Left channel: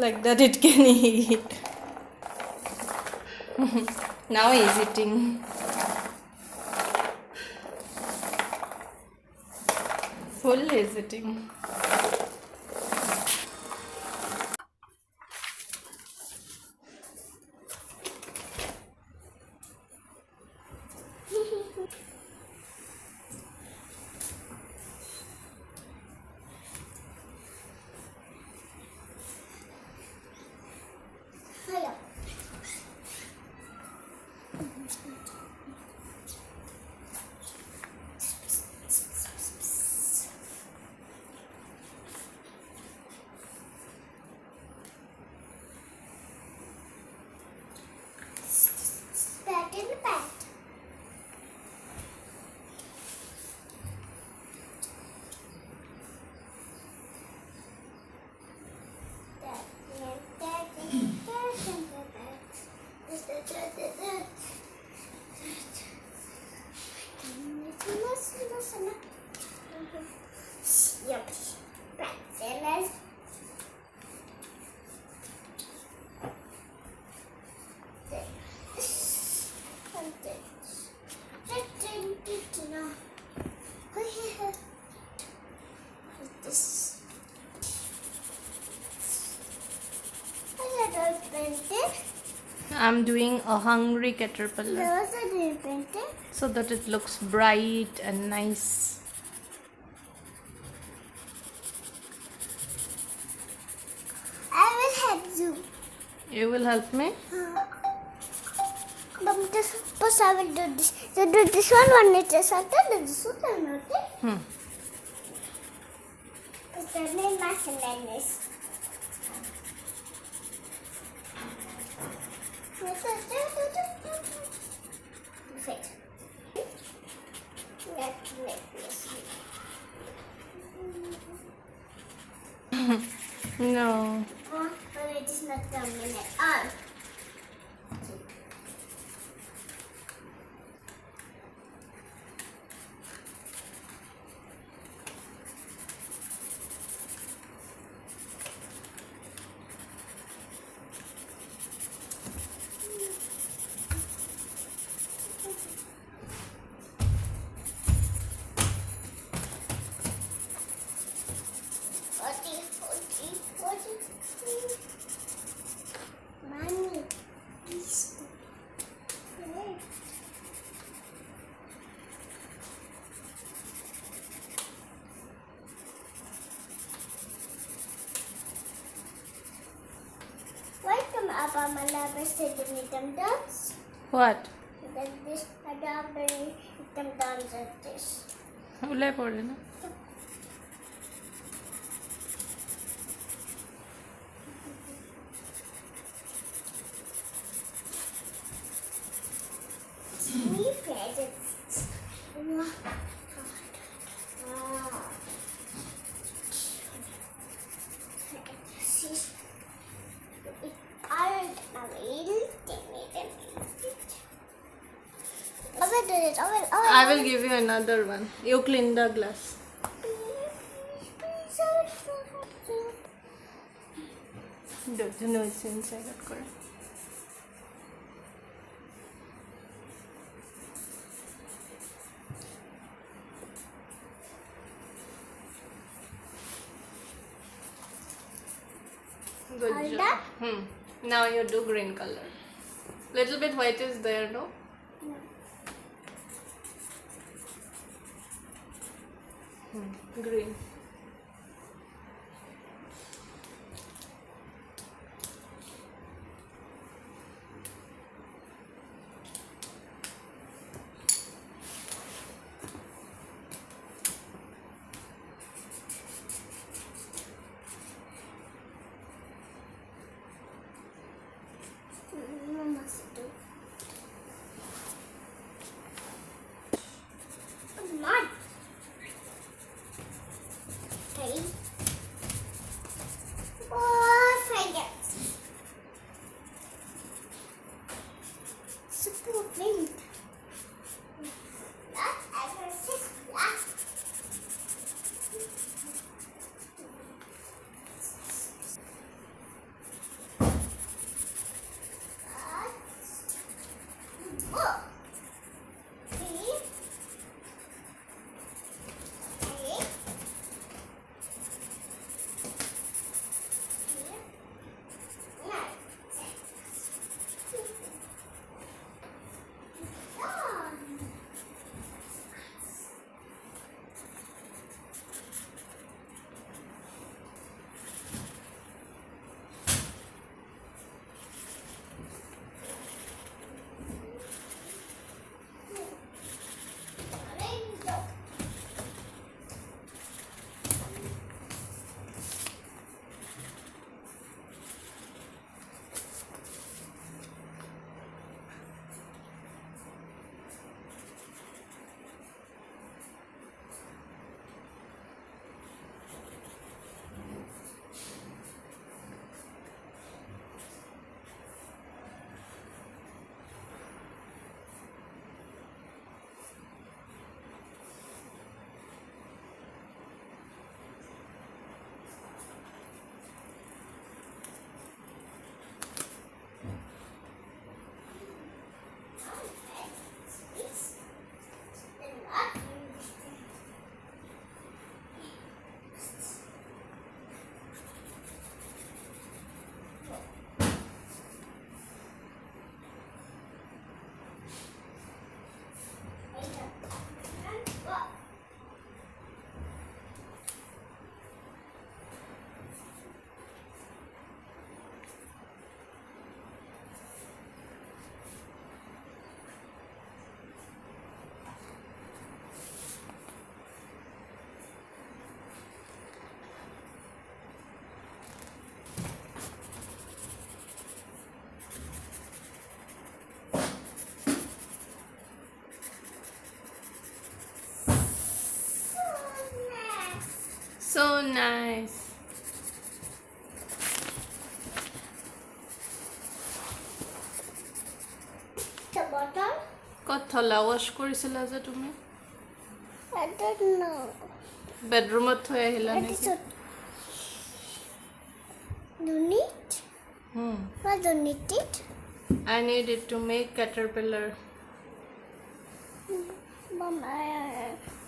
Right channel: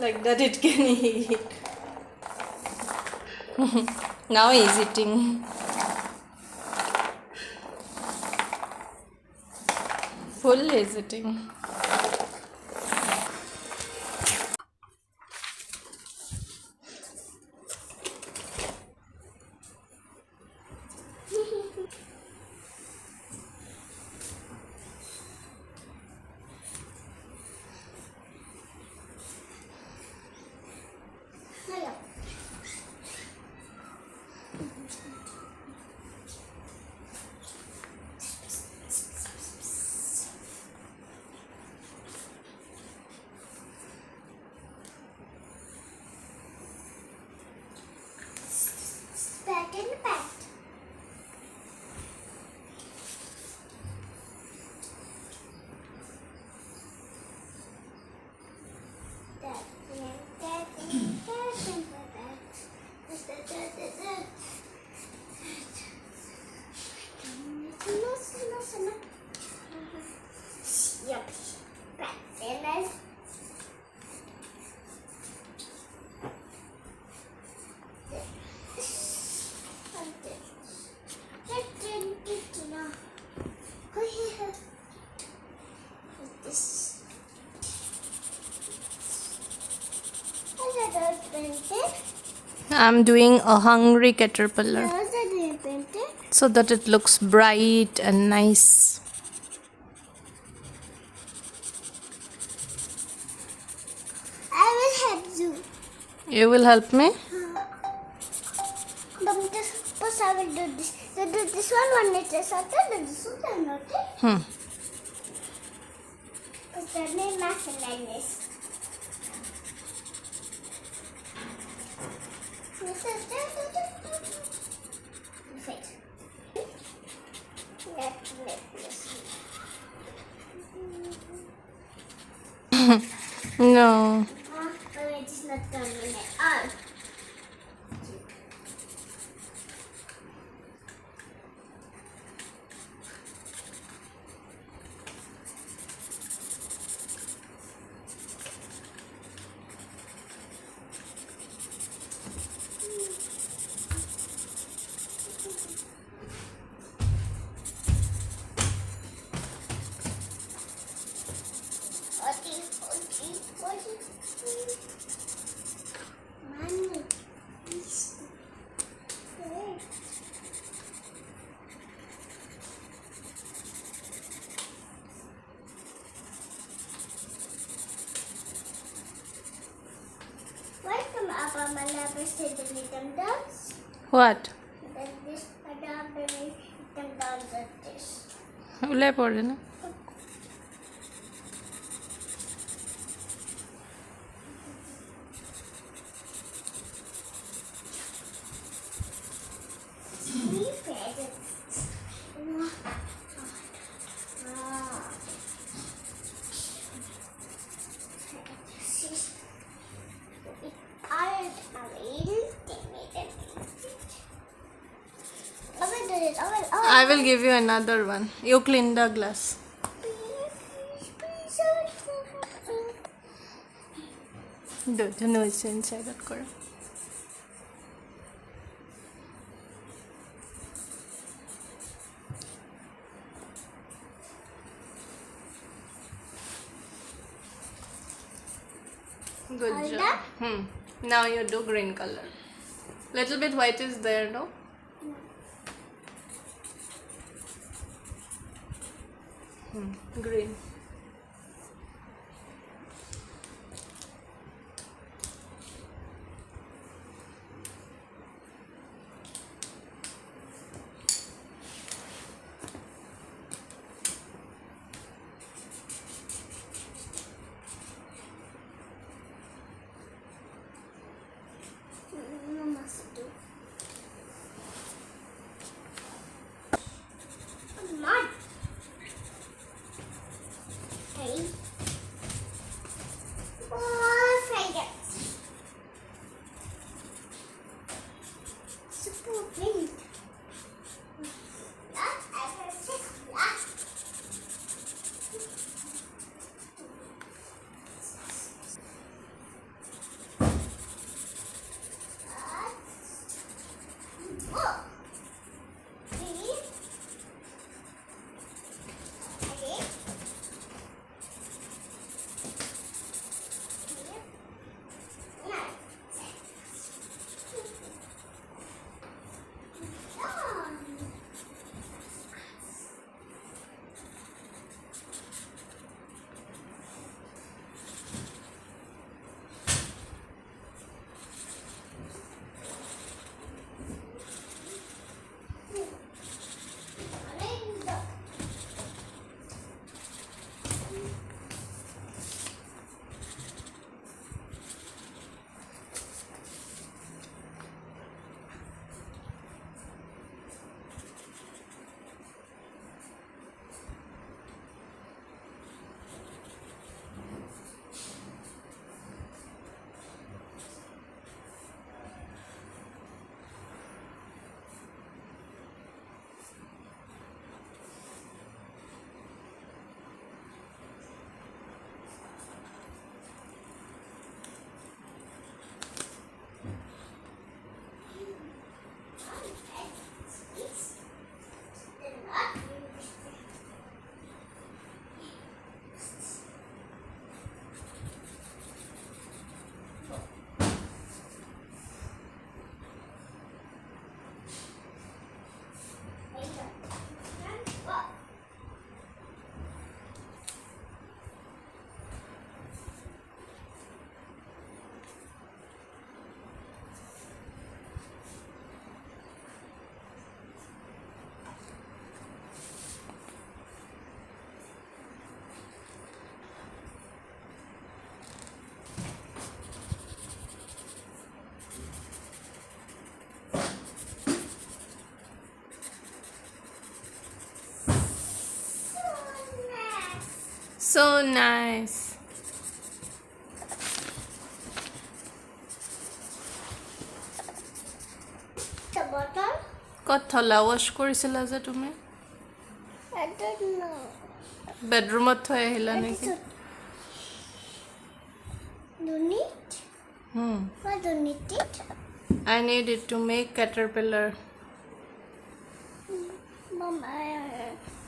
Like that it can eat. Now he's eating. Full is eating. Pat in the pat. I'm doing a hungry caterpillar so that it looks bright and nice. I will help you. You will help me? But this, first I will do this. So do this one it is after this one not it. Because there may be nothing like this. Perfect. Let's make this. No. It is not coming at all. Mommy, please. Welcome up on my lovers to the rhythm dance. What? Then this adopt the rhythm dance at this. উলাই পড়ে না Three feathers. I will give you another one. You clean the glass. দুটো নইছে inside out করে Good All job. Now you do green color. Little bit white is there, no? Green. Mud. Okay. Oh, faggots. Super wind. That's aggressive. So nice. The bottle? ক'ত থলা ৱাশ্ব কৰিছিলা যে তুমি I don't know. বেডৰুমত থৈ আহিলা What is নেকি it? You need? Why do you need it? I need it to make caterpillar. Mom, I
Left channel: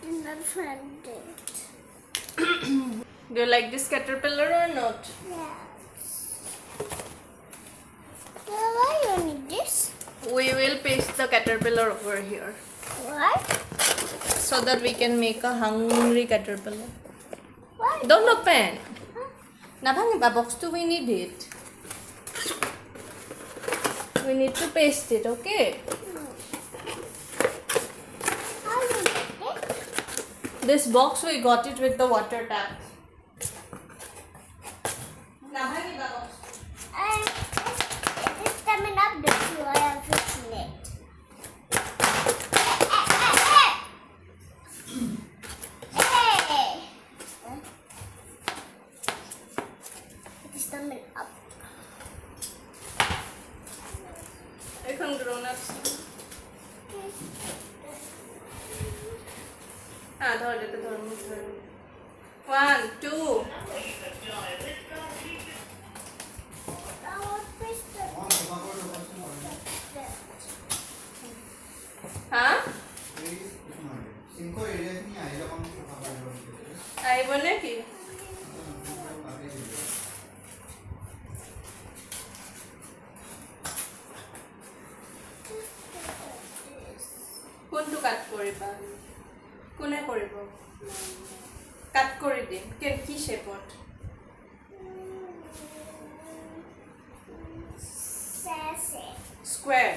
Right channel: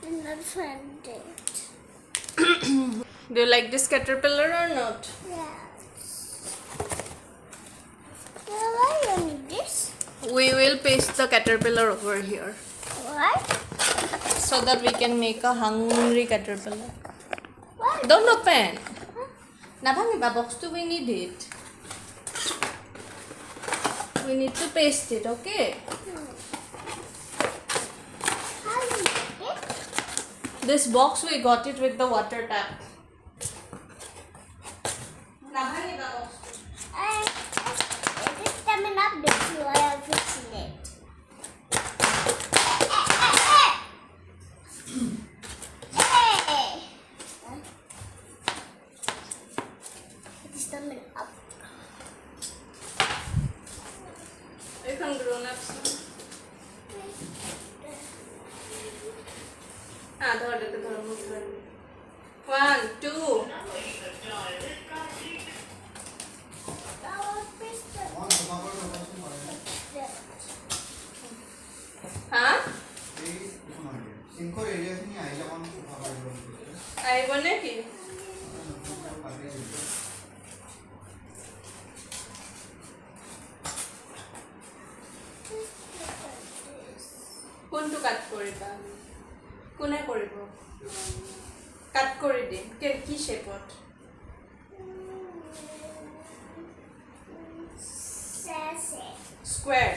did not find it. Do you like this caterpillar or not? Yes. Well, why do you need this? We will paste the caterpillar over here Why? so that we can make a hungry caterpillar. Why? Don't open. Nabhangiba box to we need it. We need to paste it, okay? How do you get it? This box we got it with the water tap. Nabhangiba box. And it is coming up this you are fixing it. Hey! It is coming up. এখন grown ups ধর এটা ধর 1 2 হ্যাঁ আইব নাকি কোনটো কাট কৰিবা কোনে কৰিব কাট কৰি দিম কি শেপত square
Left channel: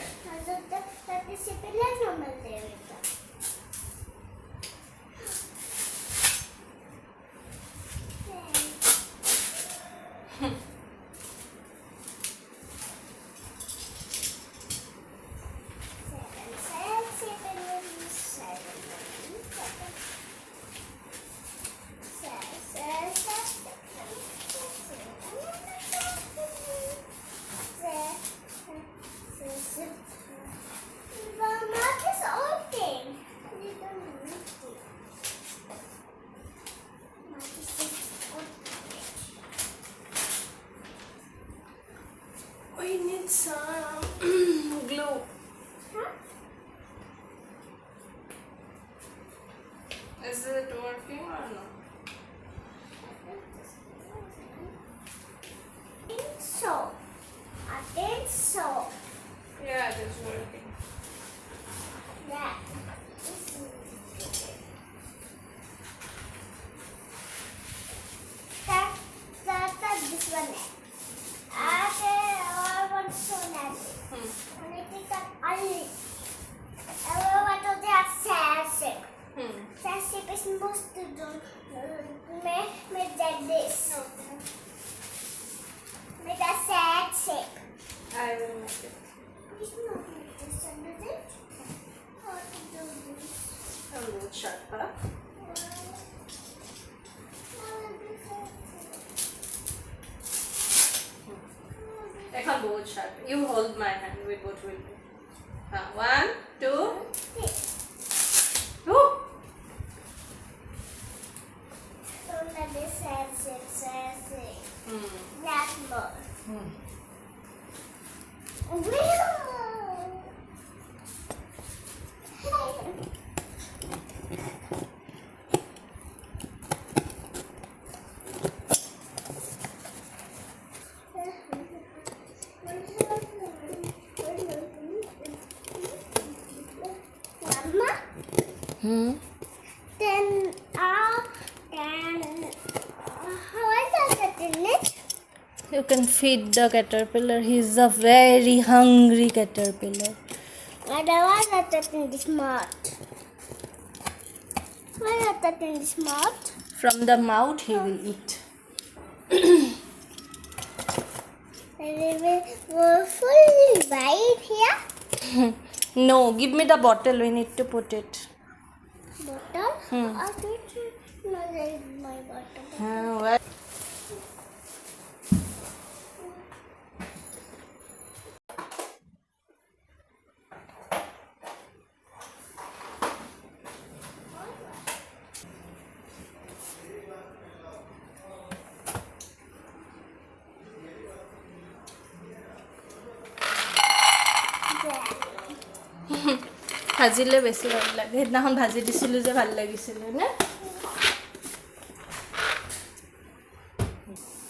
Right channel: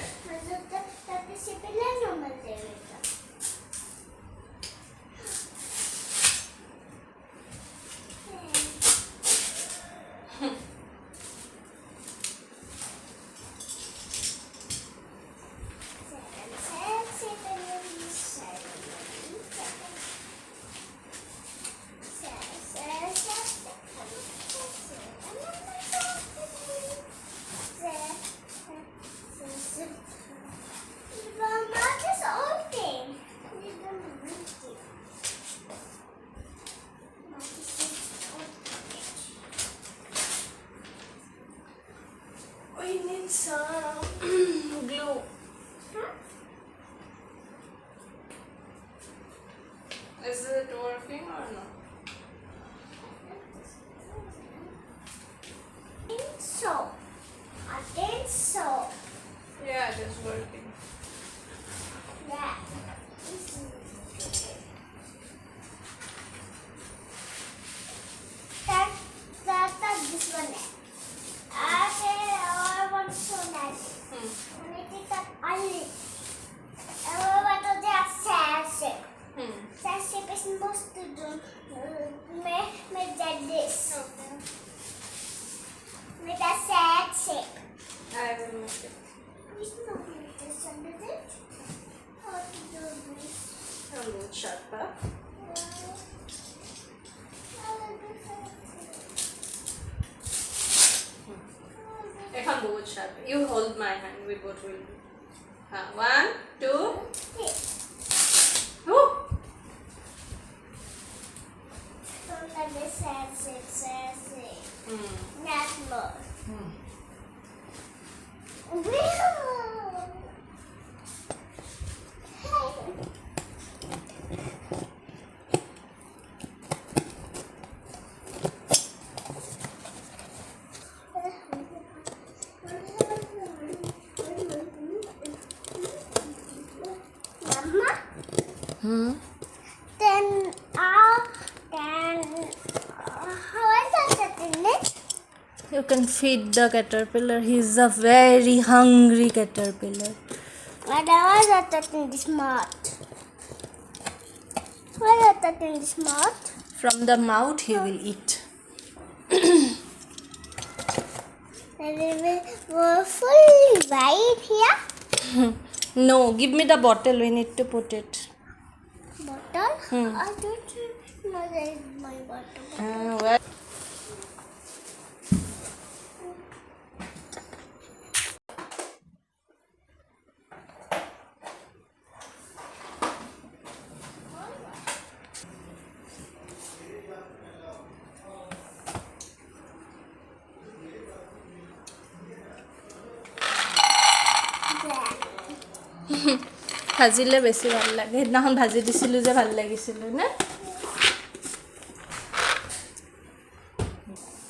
we need some glue is it working or no So, I think so. yeah it is working Yeah. That this one. I want to show that. When I take that only. I want to do that sad shape. Sad shape is supposed to do. Make that this. Make that sad shape. I will make it It's not like this under it. How to do this? a little sharper এখন বহুত sharp you hold my hand we both will do 1 2 Woo! Don't let this sad shape. Not more. Mama? Then how is that in it? You can feed the caterpillar. He's a very hungry caterpillar. Madam, why is that in this mouth? Why is that in this mouth? From the mouth he will eat. And it will fully right here. No, give me the bottle. We need to put it. Bottle? Hmm. I don't know that is my bottle. ভাজিলে বেছি ভাল লাগে সেইদিনাখন ভাজি দিছিলোঁ যে ভাল লাগিছিলে নে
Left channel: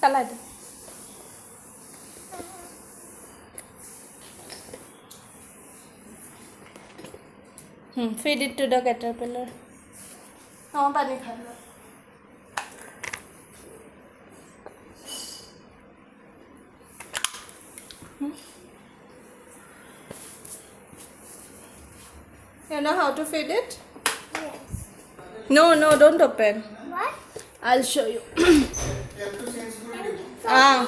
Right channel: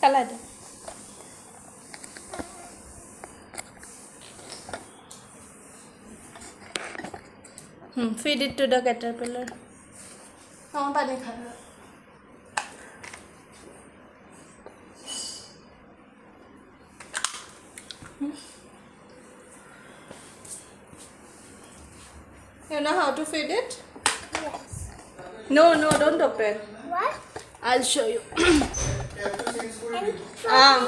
পেলাই দে feed it to the caterpillar পানী খালো You know how to feed it? Yes. No, don't open. What? I'll show you. And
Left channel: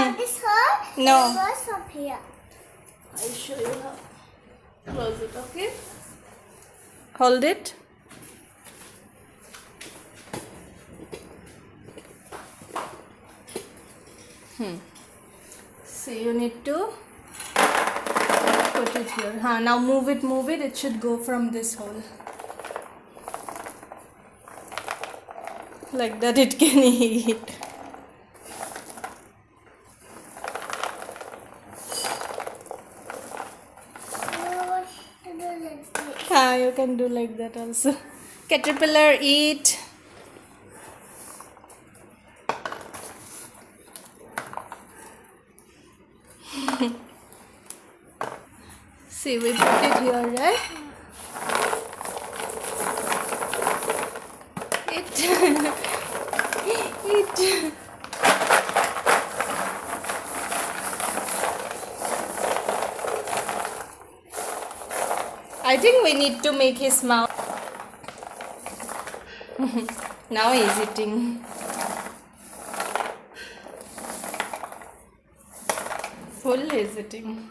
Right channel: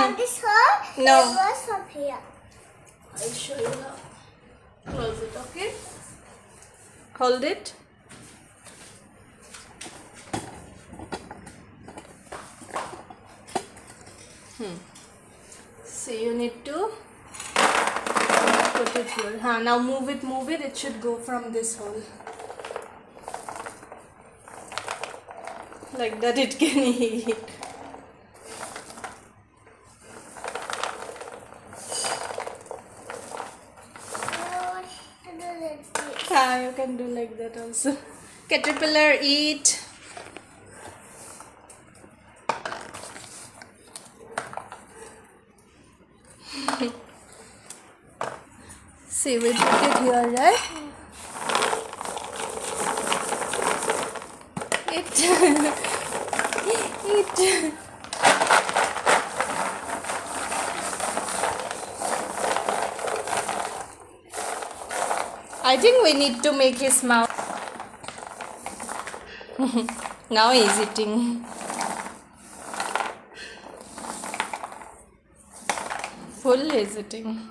from this hole, No. it was from here. I'll show you now. Close it, okay? Hold it. See, you need to put it here. Now move it. It should go from this hole. Like that it can eat. You can do like that also. Caterpillar, eat. See, we put it here, right? Eat. I think we need to make his mouth. Now he's eating. Full is eating.